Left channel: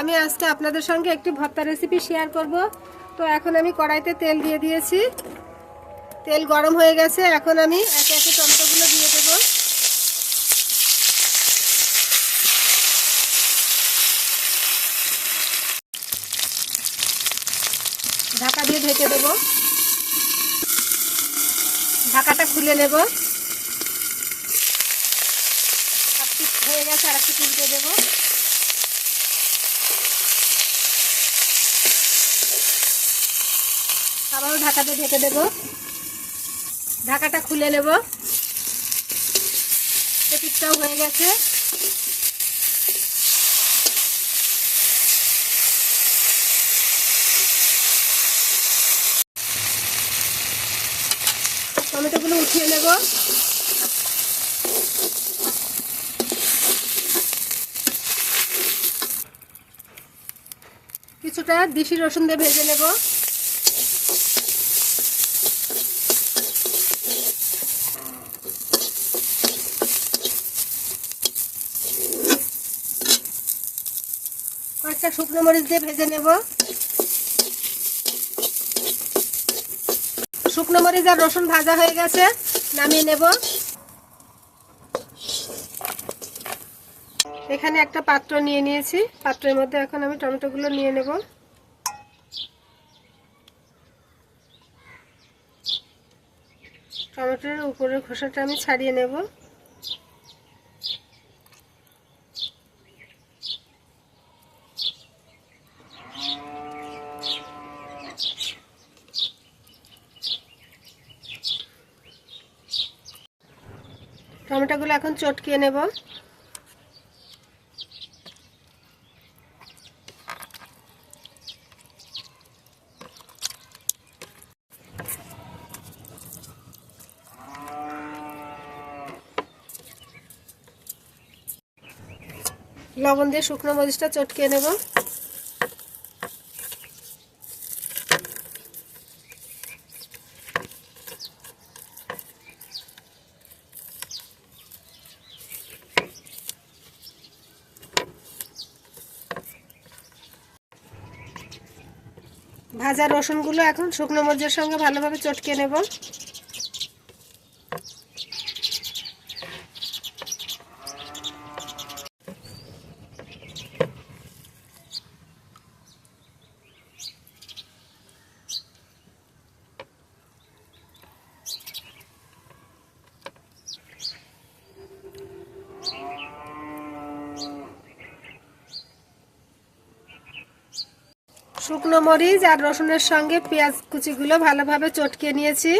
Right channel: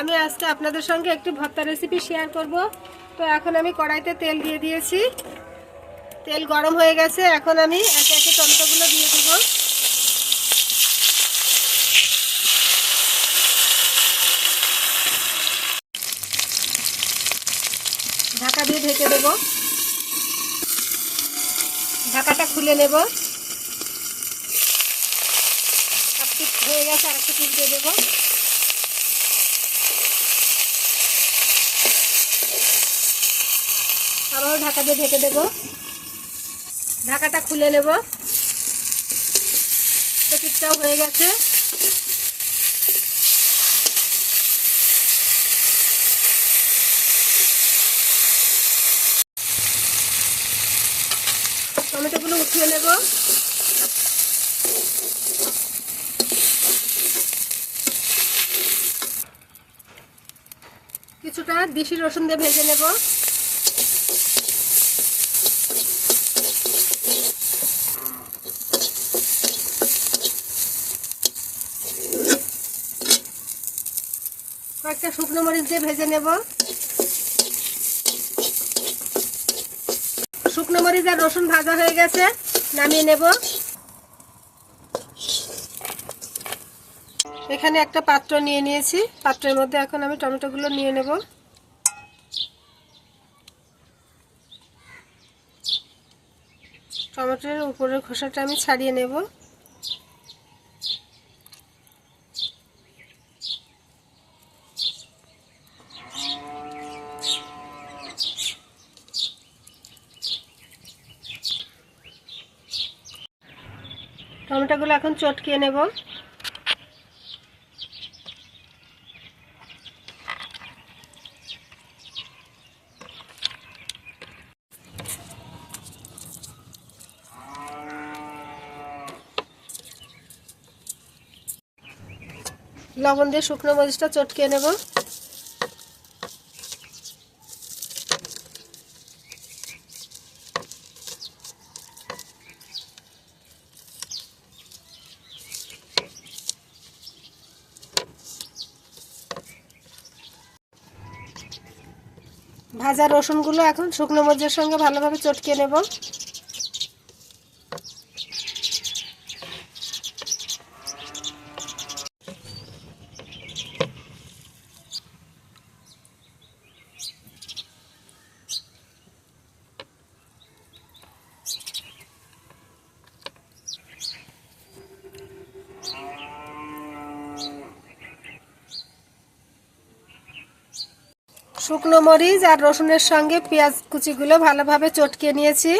আমি আজকে আপনাদের সঙ্গে একটি ভর্তা রেসিপি শেয়ার করব। তো এখন আমি কড়াইতে তেল দিয়ে দিয়েছি। তেল গরম হয়ে গেছে, এখন আমি একে একে টমেটোগুলো দিয়ে দেবো। ঢাকা দিয়ে ঢেকে দেব। ঢাকাটা খুলে নেব। হয়ে গেছে আর একটু দিয়ে দেবো। ঢাকা দিয়ে ঢেকে দেব। ঢাকাটা খুলে নেব। পিঠটাও হয়ে গেছে। টমেটোগুলো উঠিয়ে নেব। কিছুটা দেশি রসুন দিয়ে ভেজে নেব। কয়েকটা শুকনো মরিচ দিয়ে ভেজে নেব। শুকনো মরিচ আর রসুন ভাজা হয়ে গেছে, নামিয়ে নেব। এখানে একটা পাত্র নিয়ে নিয়েছি। পাত্রের মধ্যে এখন আমি টমেটোগুলো নিয়ে নেব। টমেটোর উপরের খোসাটা আমি ছাড়িয়ে নেব। টমেটোগুলো এখন চটকিয়ে নেব। লবণ দিয়ে শুকনো মরিচটা চটকিয়ে নেব। ভাজা রসুনগুলো এখন শুকনো মরিচের সঙ্গে ভালোভাবে চটকে নেব। শুকনো মরিচ আর রসুনের সঙ্গে পেঁয়াজ কুচিগুলো ভালোভাবে চটকে নিয়েছি।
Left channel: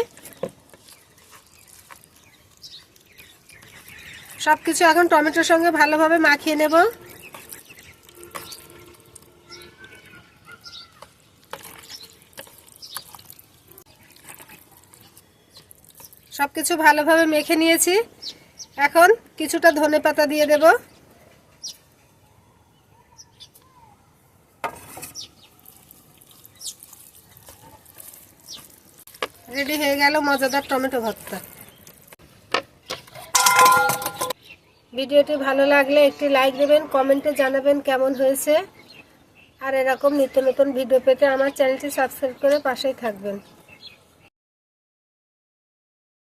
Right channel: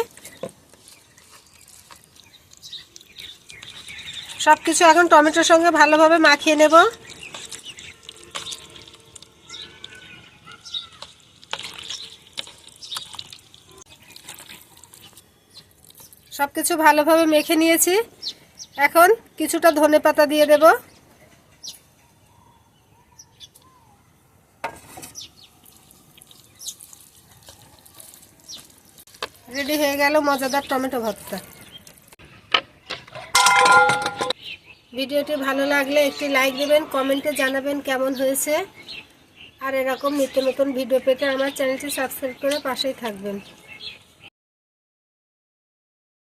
সব কিছু এখন টমেটোর সঙ্গে ভালোভাবে মাখিয়ে নেব। সব কিছু ভালোভাবে মেখে নিয়েছি। এখন কিছুটা ধনে পাতা দিয়ে দেবো। রেডি হয়ে গেল মজাদার টমেটো ভর্তা ভিডিওটি ভালো লাগলে একটি লাইক দেবেন, কমেন্টে জানাবেন কেমন হয়েছে। আর এরকম নিত্য নতুন ভিডিও পেতে আমার চ্যানেলটি সাবস্ক্রাইব করে পাশেই থাকবেন।